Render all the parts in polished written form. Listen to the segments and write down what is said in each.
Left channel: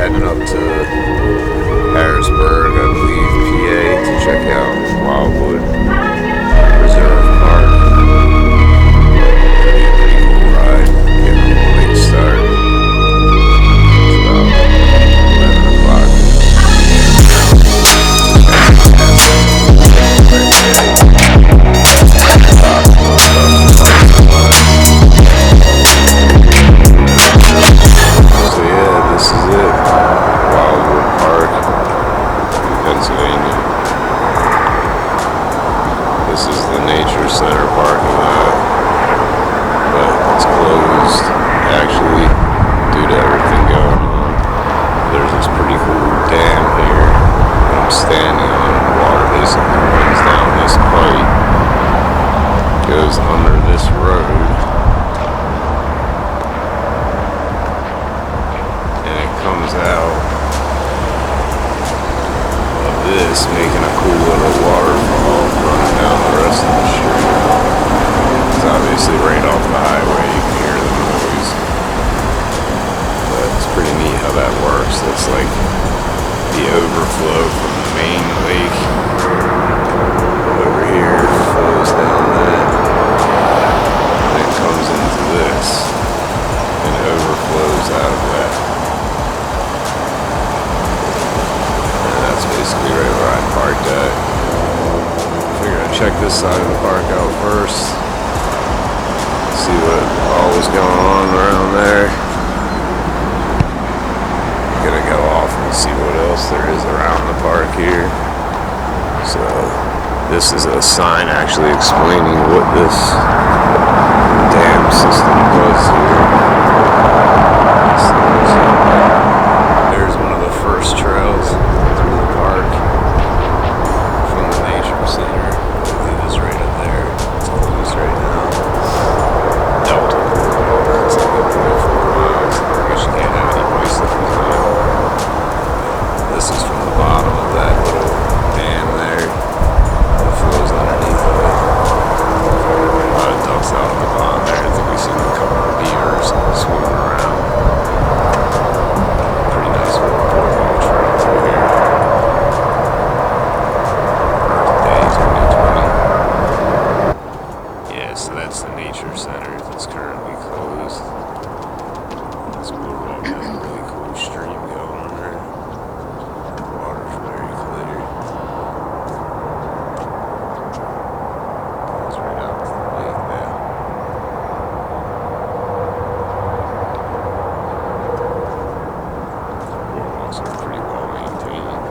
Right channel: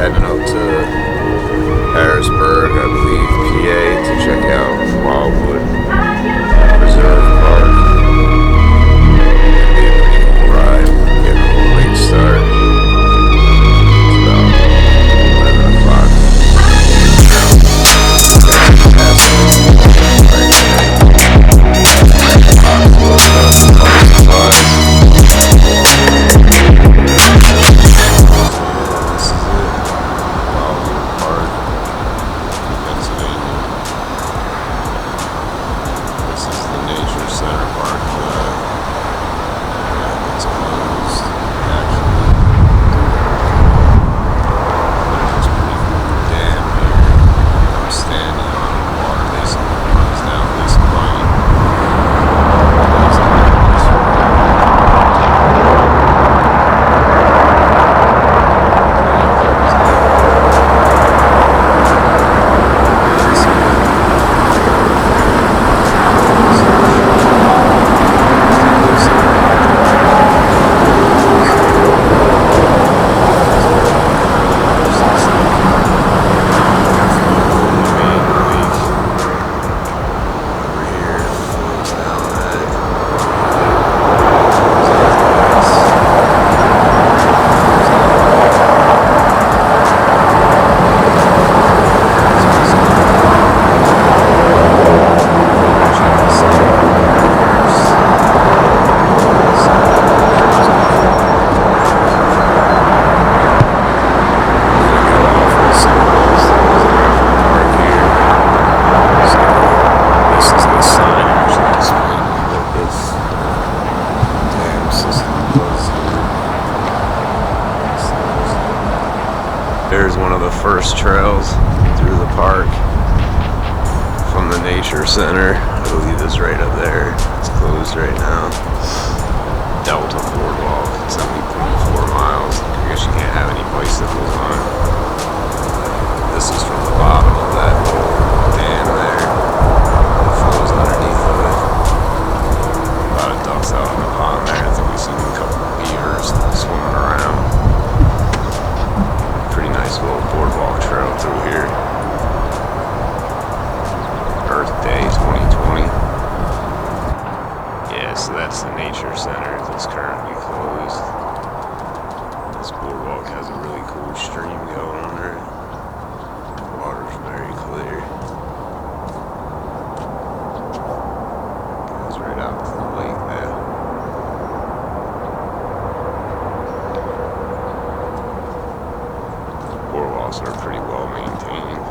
heading up to Harrisburg, I believe, PA, to check out Wildwood Park. Gonna be a pretty cool ride. Getting a little late start. It's about 11 o'clock. Pennsylvania. This is the Nature Center parking lot, but it's closed actually due to everything going on. There's this pretty cool dam here that I'm standing on. Water basically runs down this pipe, goes under this road, and it comes out. This making a cool little waterfall running down the rest of the shore. It's obviously right on the highway. It's pretty neat how that works. Looks like the overflow from the main lake over here flows down that. And it comes into this and overflows out of that. That's basically right where I'm parked at. We're gonna check this side of the park out first. See what's going on around there. I'm gonna go off and see what else there is around the park here. So this is a sign actually explaining what this dam system does here. There's one of the first trails through the park from the Nature Center. I believe it's right up there. It's closed right now. Delta Boardwalk. It's only 0.4 miles. I guess you can't have any bicycles on it. This is from the bottom of that little dam there that flows underneath of it. A lot of ducks out on the pond there. I think we've seen a couple of beavers swimming around. Pretty nice little boardwalk trail through here. Earth Day 2020. Yeah, so that's the Nature Center that's currently closed. This boardwalk has a really cool stream going under it. The water's very clear. Goes right out to the lake there. Boardwalks are pretty well maintained.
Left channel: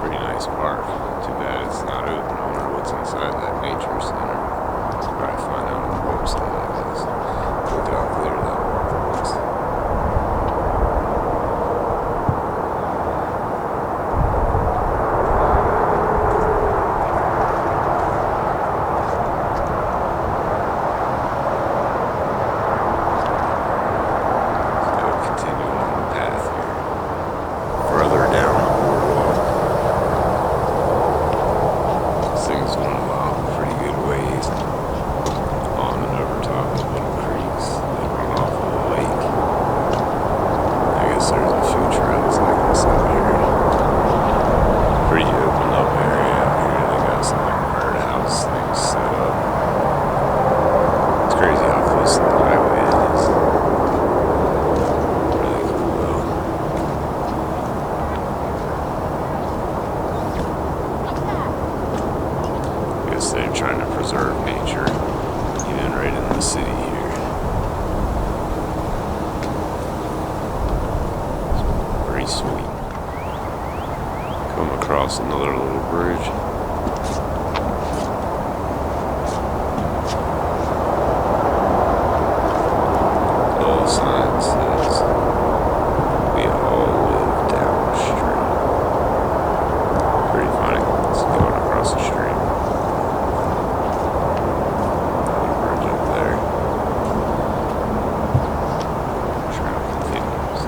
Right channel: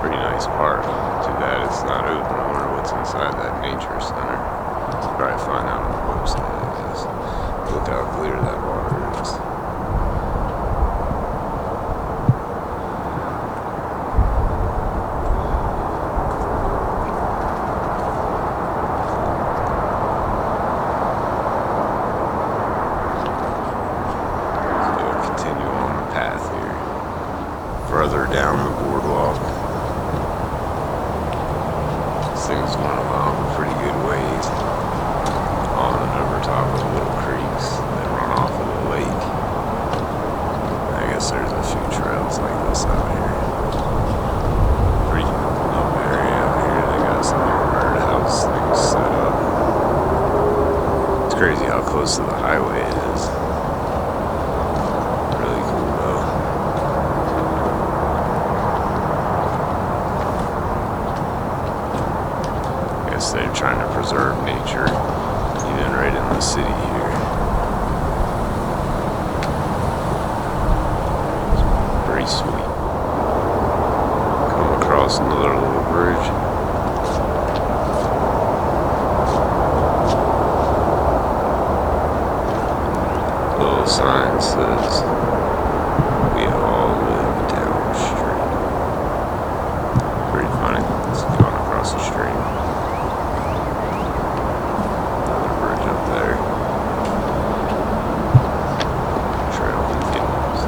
Pretty nice park. Too bad it's not open. I wonder what's inside that Nature Center. Probably find out on the website, I guess. Look how clear that water is. Continue on the path here. Further down the boardwalk. This thing's going along pretty good ways. On and over top of little creeks that run off of the lake. I guess there's a few trails like this out here. Pretty open up area out here. They got some like birdhouse things set up. It's crazy how close to the highway it is. They're trying to preserve nature, even right in the city here. It's pretty sweet. Come across another little bridge. Little sign says, "We all live downstream." Pretty funny. It's going across the stream. There. Trail continues.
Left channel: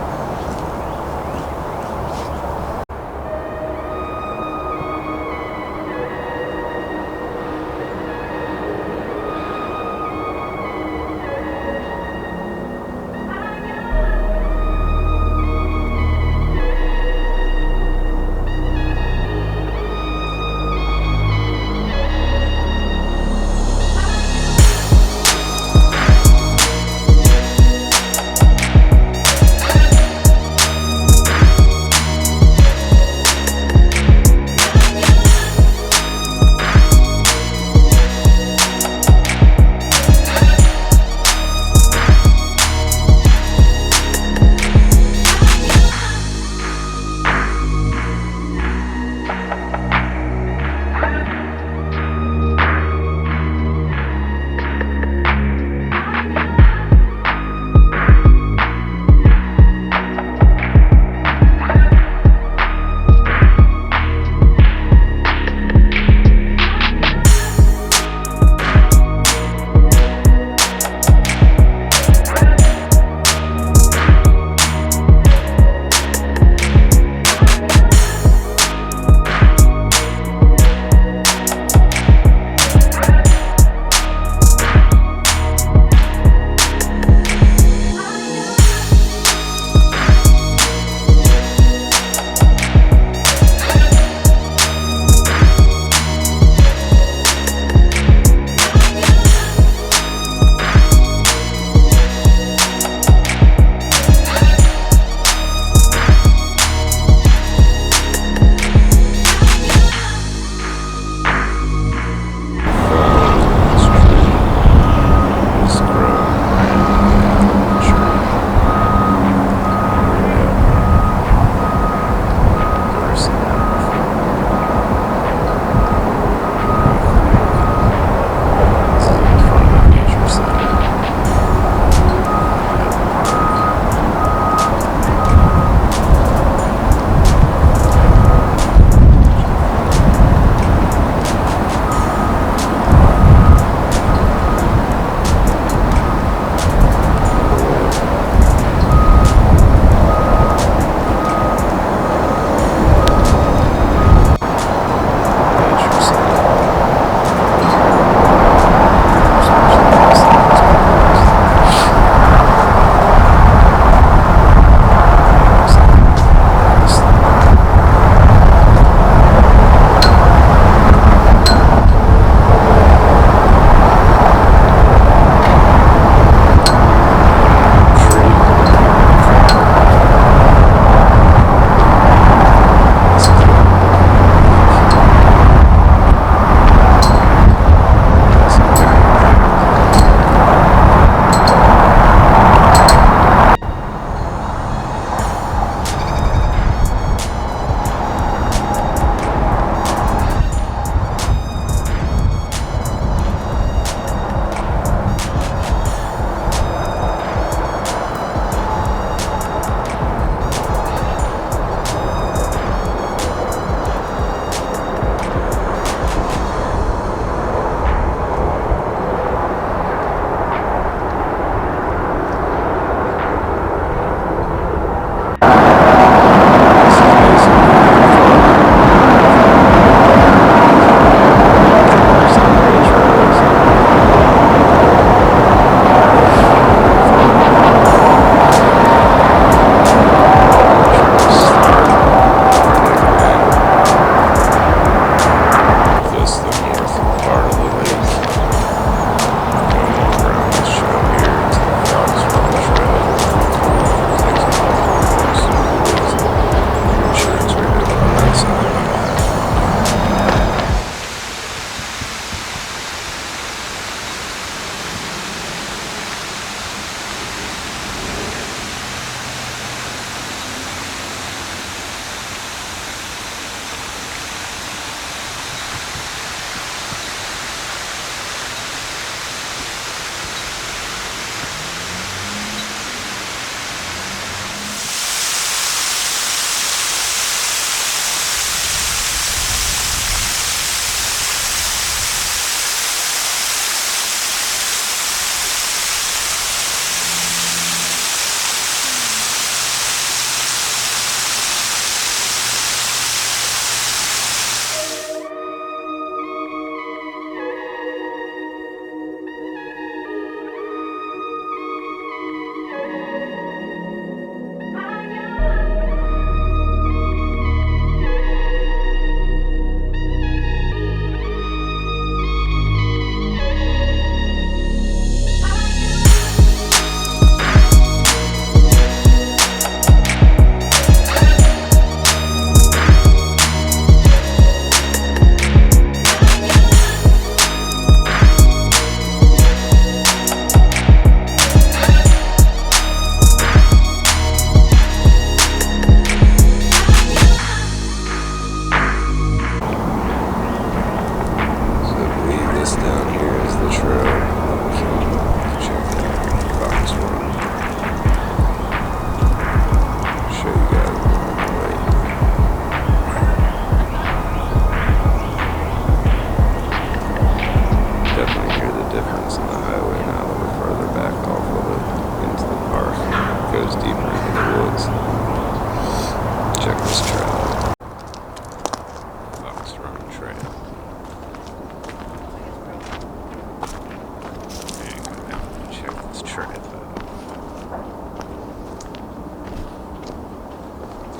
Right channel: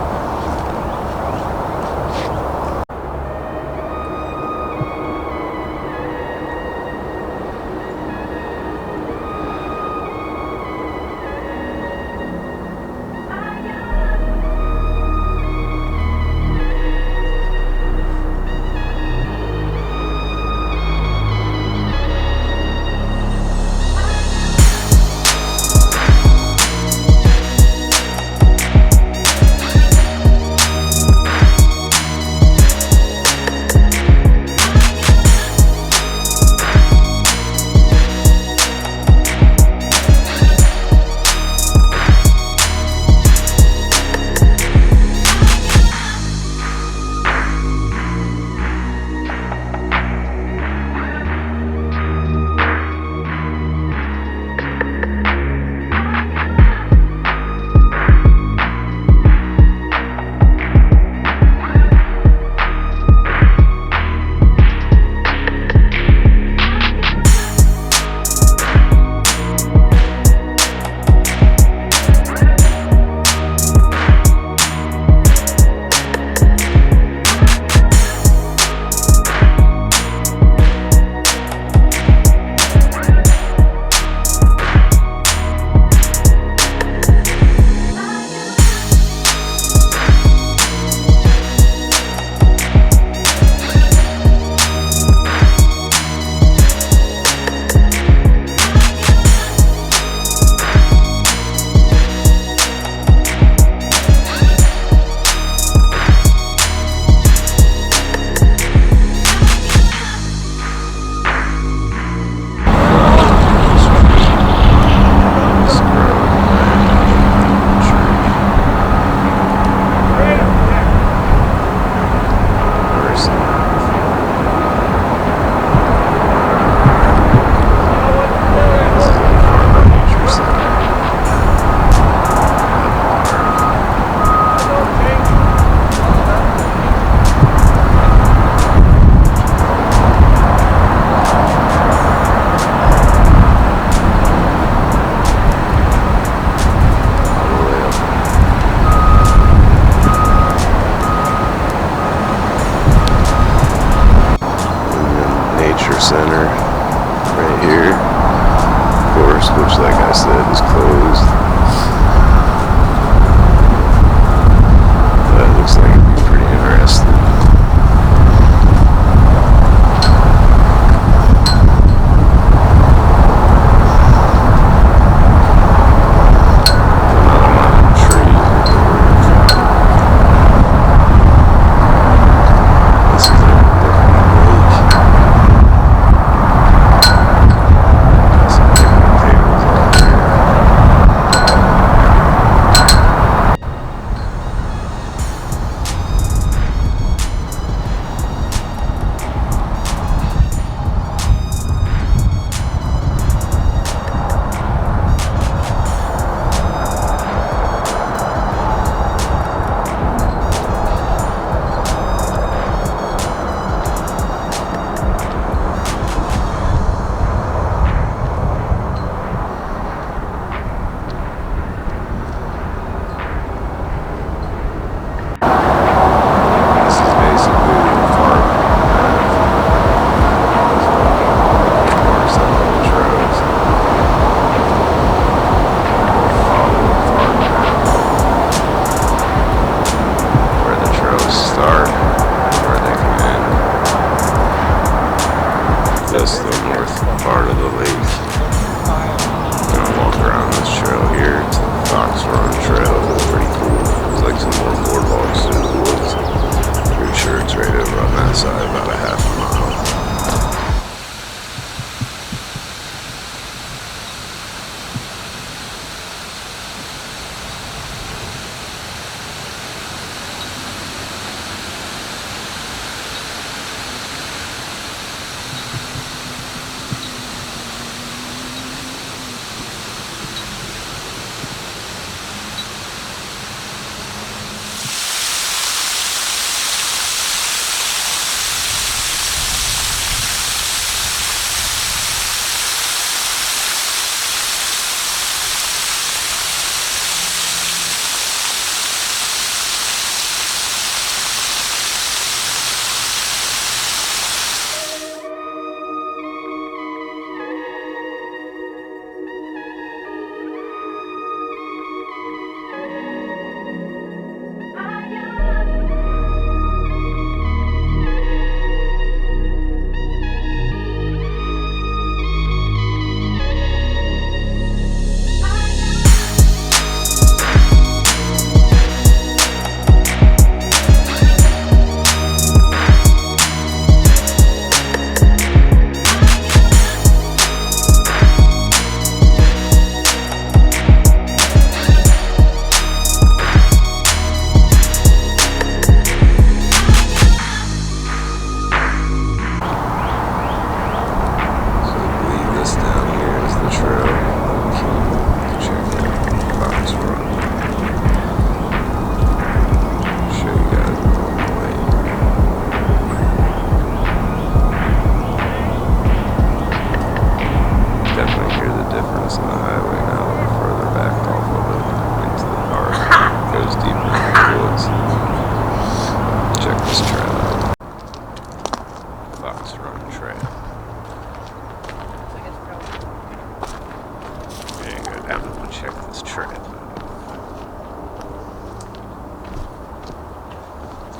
down and check this trail out.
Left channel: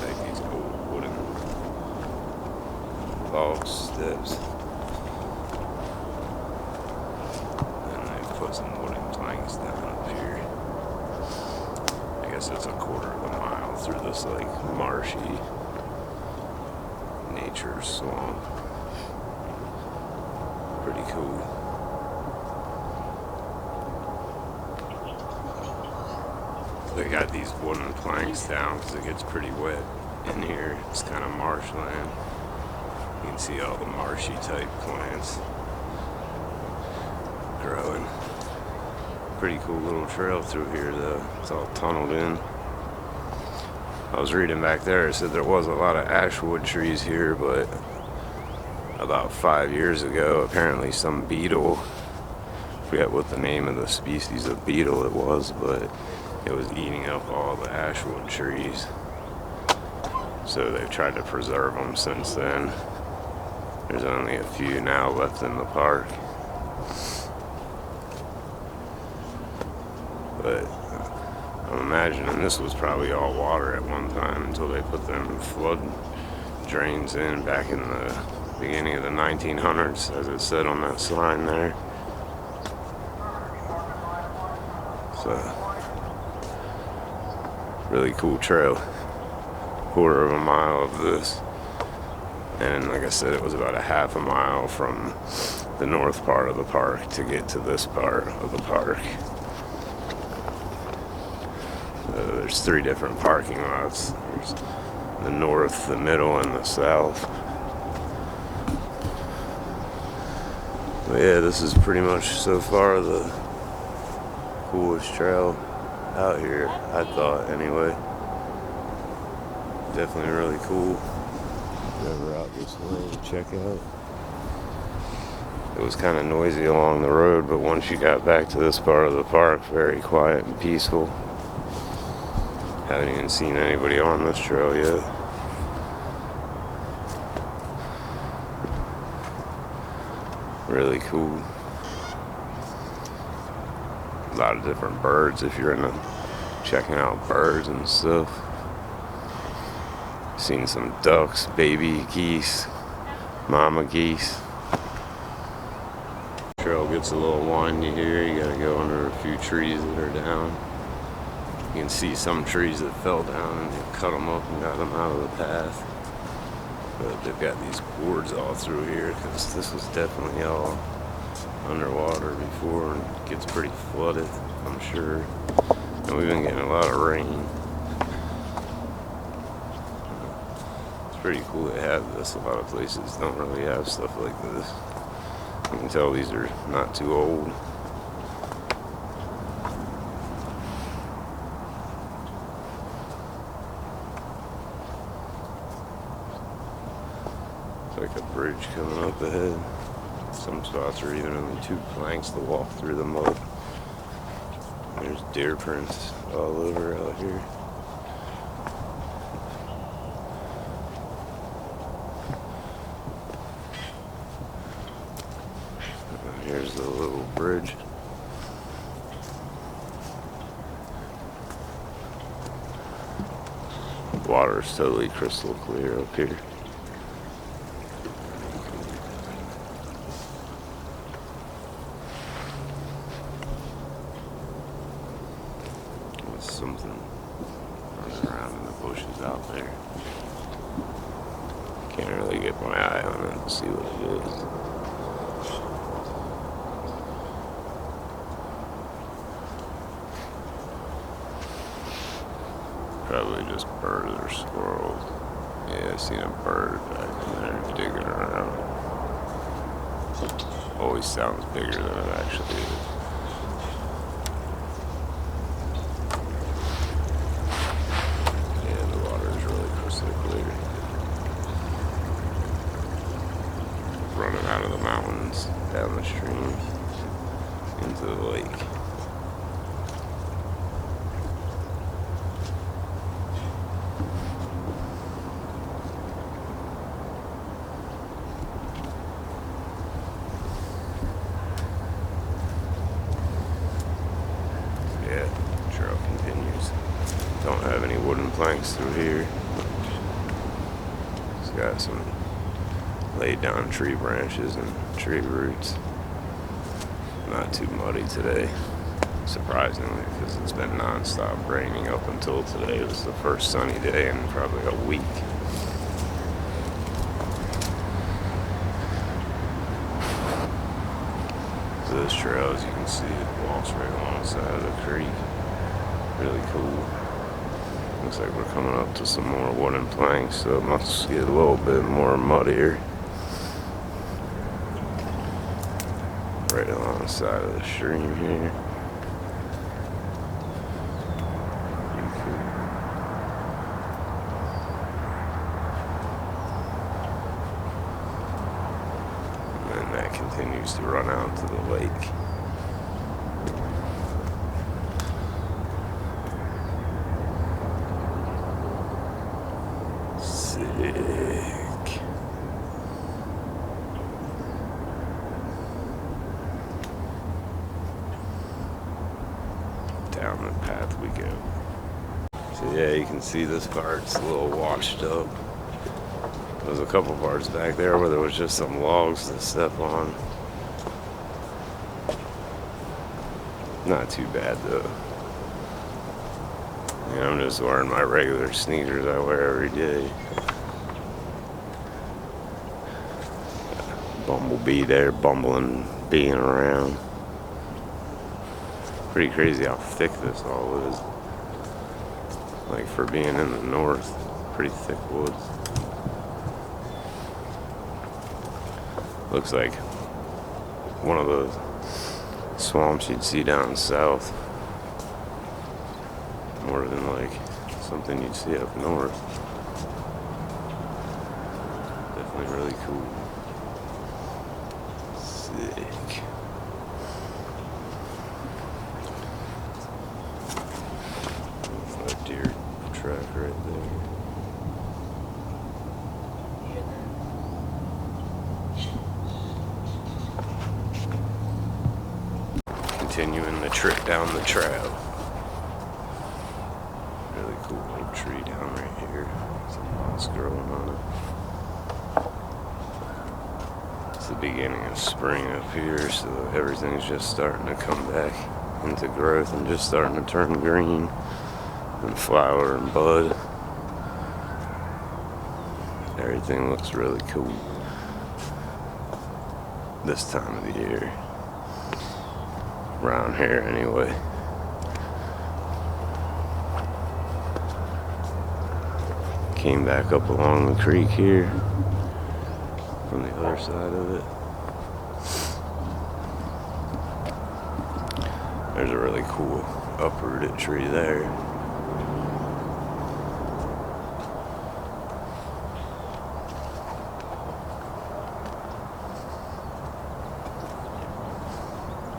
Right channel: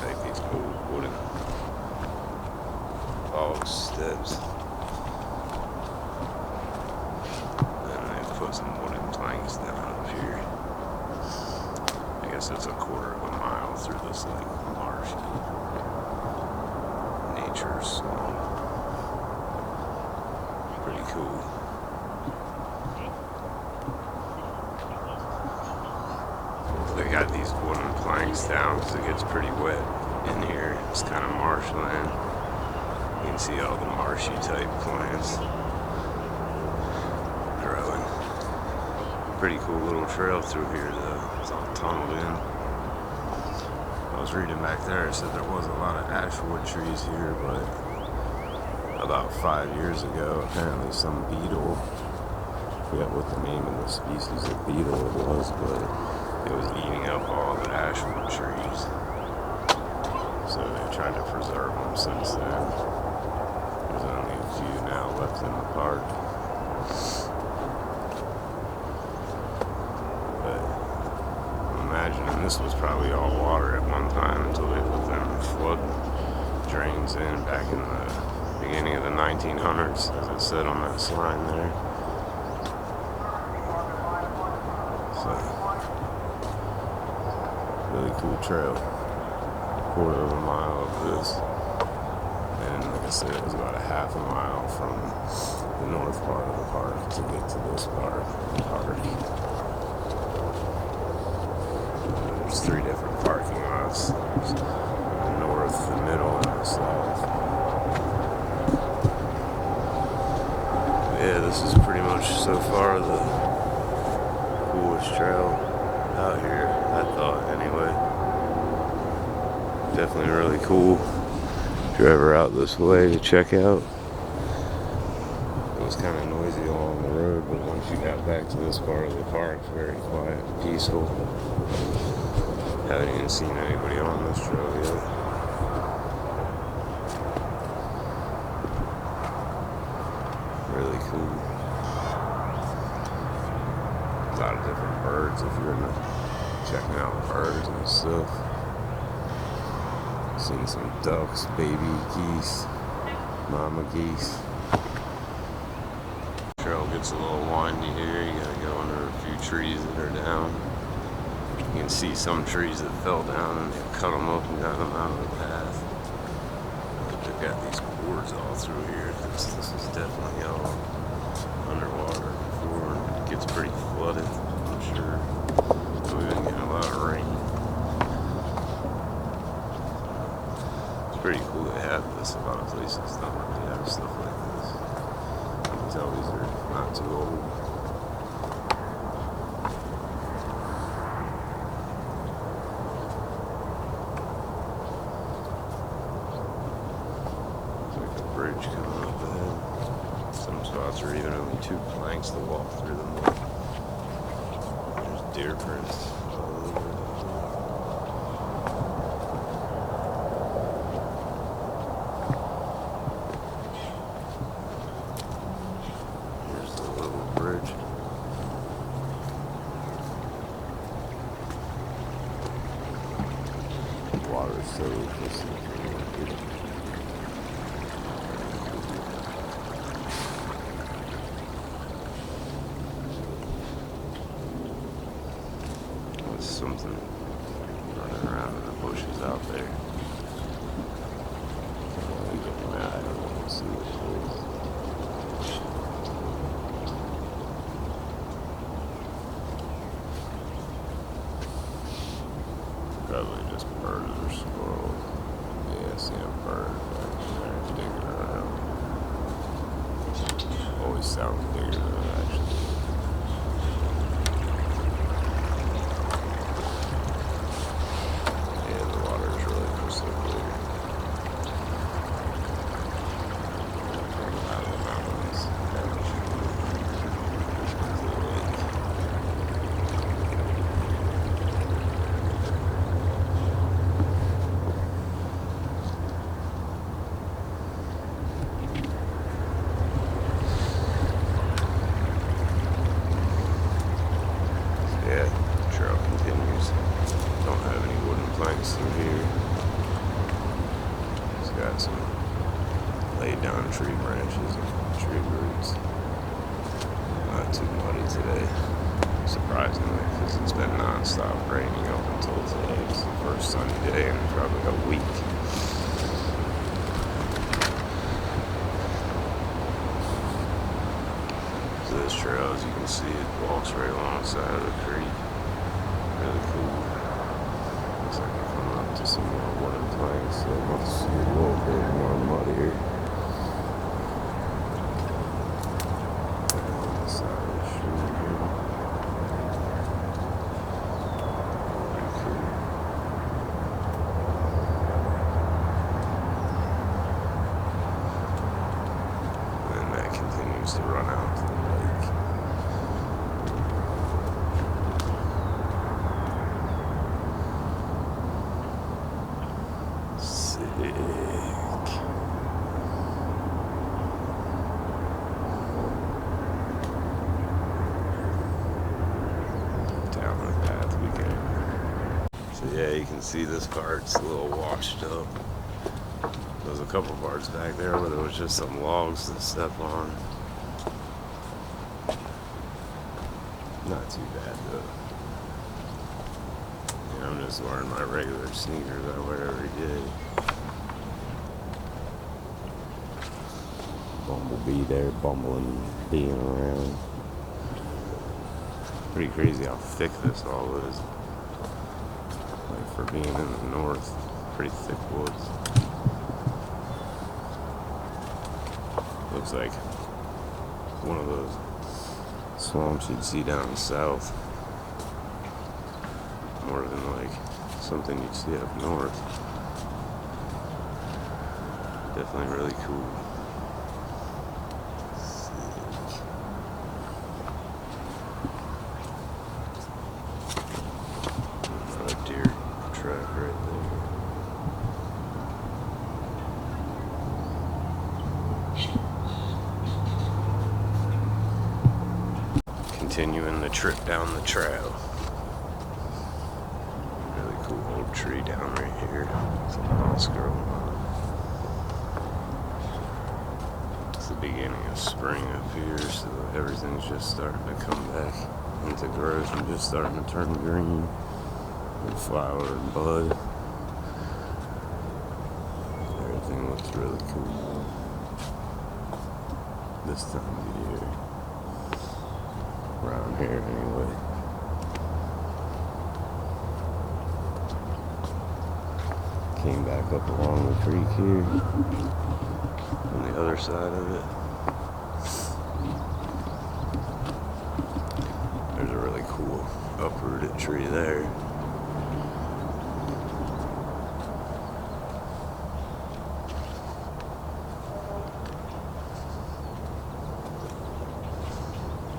Like these old wooden log steps. And they put some wooden planks down up here. I guess it's a quarter of a mile through this like marshy nature swamp. Pretty cool. They got these wooden planks down because it gets pretty wet in here. It's kind of marshland. You can see all the marshy type plants growing. Pretty cool little trail through here though. It's all tunneled in. I was reading back there, it said there was a lot of ashwood trees here, but about 5 years ago, apparently some beetle, I forget what the name of the species of beetle it was, but it was eating up all the ashwood trees. So they've tried to preserve them since then. There's only a few now left in the park. But I'm imagining this was probably all water at one time until they put them flood drains in back in the beginning of the 1900s, as it said on that sign there. So, really cool trail. Quarter of a mile of this. And like I said, it was about a half a mile from the north part of the park to get to this part of the park. There's 3 different parking lots. There's the north, the middle, and the south. But yeah, this is pretty much so far the coolest trail out here, I thought anyway. Definitely really cool. If you're ever out this way to check out. It was kind of noisy along the road, but once you got back to this part of the park, very quiet and peaceful. Haven't even seen anybody on this trail yet. Really cool. A lot of different birds if you're into checking out birds and stuff. Seen some ducks, baby geese, mama geese. Trail gets a little windy here. You gotta go under a few trees that are down. You can see some trees that fell down and they've cut them up and got them out of the path. But they've got these boards all through here because this was definitely all underwater before and it gets pretty flooded, I'm sure. And we've been getting a lot of rain. It's pretty cool to have this. A lot of places don't really have stuff like this. You can tell these are not too old. It's like a bridge coming up ahead. Some spots are even only 2 planks to walk through the mud. There's deer prints all over out here. Here's the little bridge. Water is totally crystal clear up here. There's something running around in the bushes out there. Can't really get my eye on it and see what it is. Probably just birds or squirrels. Yeah, I seen a bird back in there digging around. Always sounds bigger than it actually is. Yeah, the water is really crystal clear. Running out of the mountains, down the stream, into the lake. trail continues. Don't have any wooden planks through here. It's got some laid down tree branches and tree roots. Not too muddy today, surprisingly, because it's been non-stop raining up until today. It was the first sunny day in probably a week. So this trail, as you can see, it walks right alongside of the creek. Really cool. Looks like we're coming up to some more wooden planks, so it must get a little bit more muddier. Right alongside of the stream here. Pretty cool. And then that continues to run out to the lake. Sick. Down the path we go. So yeah, you can see this part's a little washed up. There's a couple parts back there where there was just some logs to step on. Not too bad though. Yeah, I'm just wearing my regular sneakers I wear every day. Bumblebee there bumbling, being around. Pretty crazy how thick this all is. Like for being in the north, pretty thick woods. Looks like one of those swamps you'd see down south. More than like something you'd see up north. Definitely really cool. Sick. Another deer track right there. Continuing the trip down the trail. Really cool old tree down right here. Some moss growing on it. It's the beginning of spring up here, so everything's just starting to come back into growth and just starting to turn green and flower and bud. Everything looks really cool this time of the year. Around here anyway. Came back up along the creek here from the other side of it. There's a really cool uprooted tree there.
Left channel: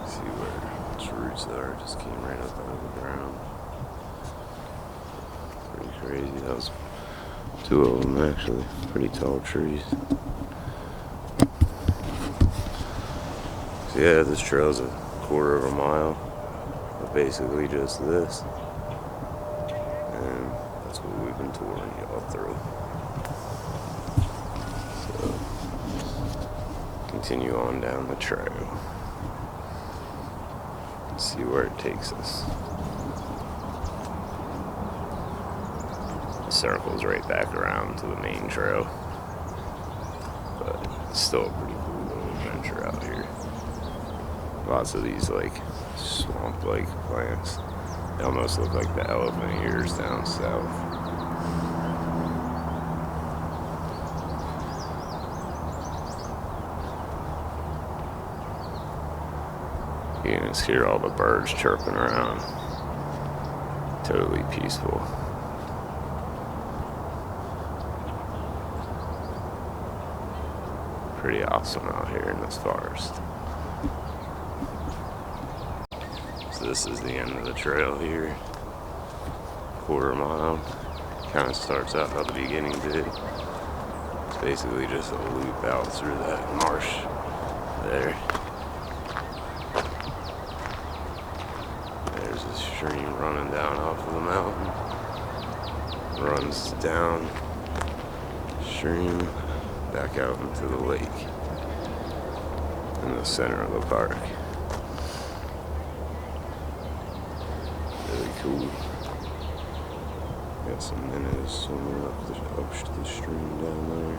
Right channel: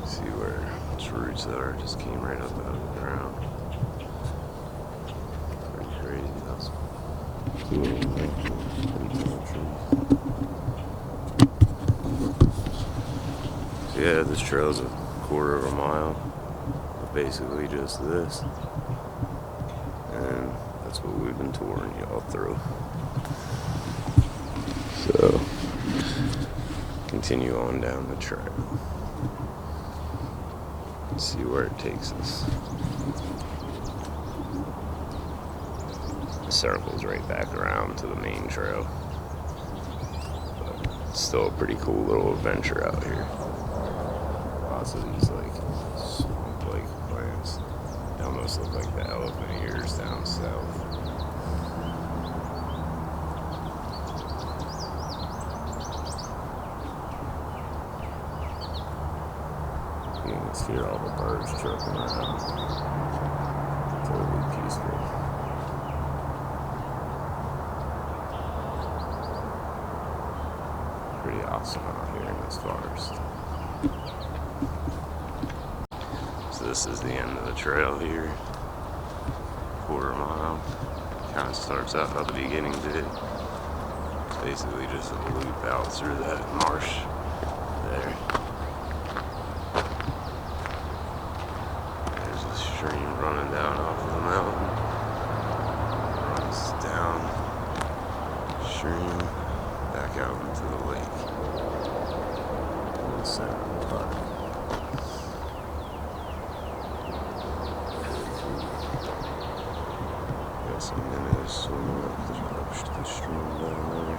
See where its roots are, just came right up out of the ground. Pretty crazy. That was two of them actually, pretty tall trees. So yeah, this trail's a quarter of a mile of basically just this. And that's what we've been touring y'all through. So, continue on down the trail. See where it takes us. It circles right back around to the main trail, but it's still a pretty cool little adventure out here. Lots of these like swamp-like plants. They almost look like the elephant ears down south. You can just hear all the birds chirping around. Totally peaceful. Pretty awesome out here in this forest. So this is the end of the trail here. Quarter mile. Kind of starts out how the beginning did. It's basically just a loop out through that marsh there. There's a stream running down off of the mountain. Runs down stream back out into the lake in the center of the park. Really cool. Got some minnows swimming up the stream down there.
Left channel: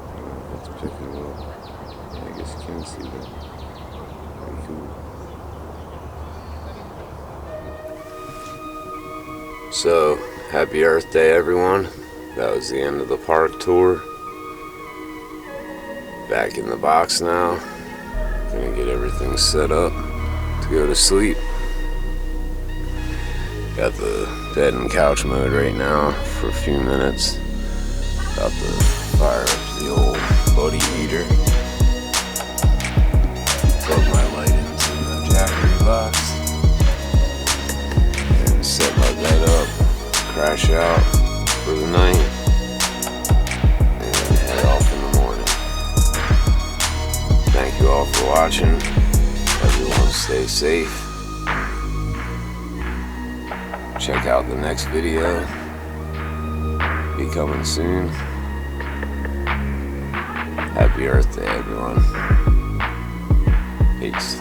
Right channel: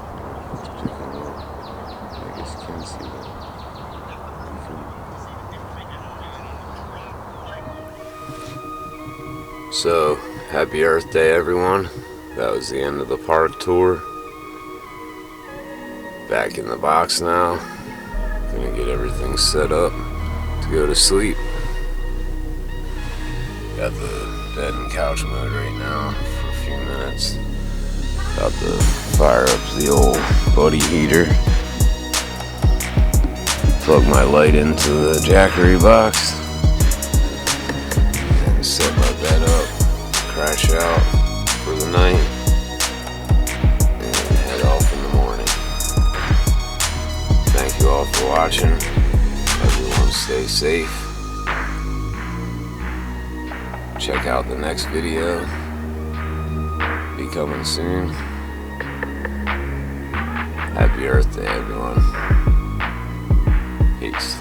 I don't know if it's picking them up. I guess you can see them. Pretty cool. So, happy Earth Day, everyone. That was the end of the park tour. Back in the box now. Gonna get everything set up to go to sleep. Got the bed and couch mode right now for a few minutes. About to fire up the old buddy heater. Plug my light into the Jackery box. And set my bed up. Crash out for the night. And then head off in the morning. Thank you all for watching. Everyone stay safe. Check out the next video. Be coming soon. Happy Earth Day, everyone. Peace.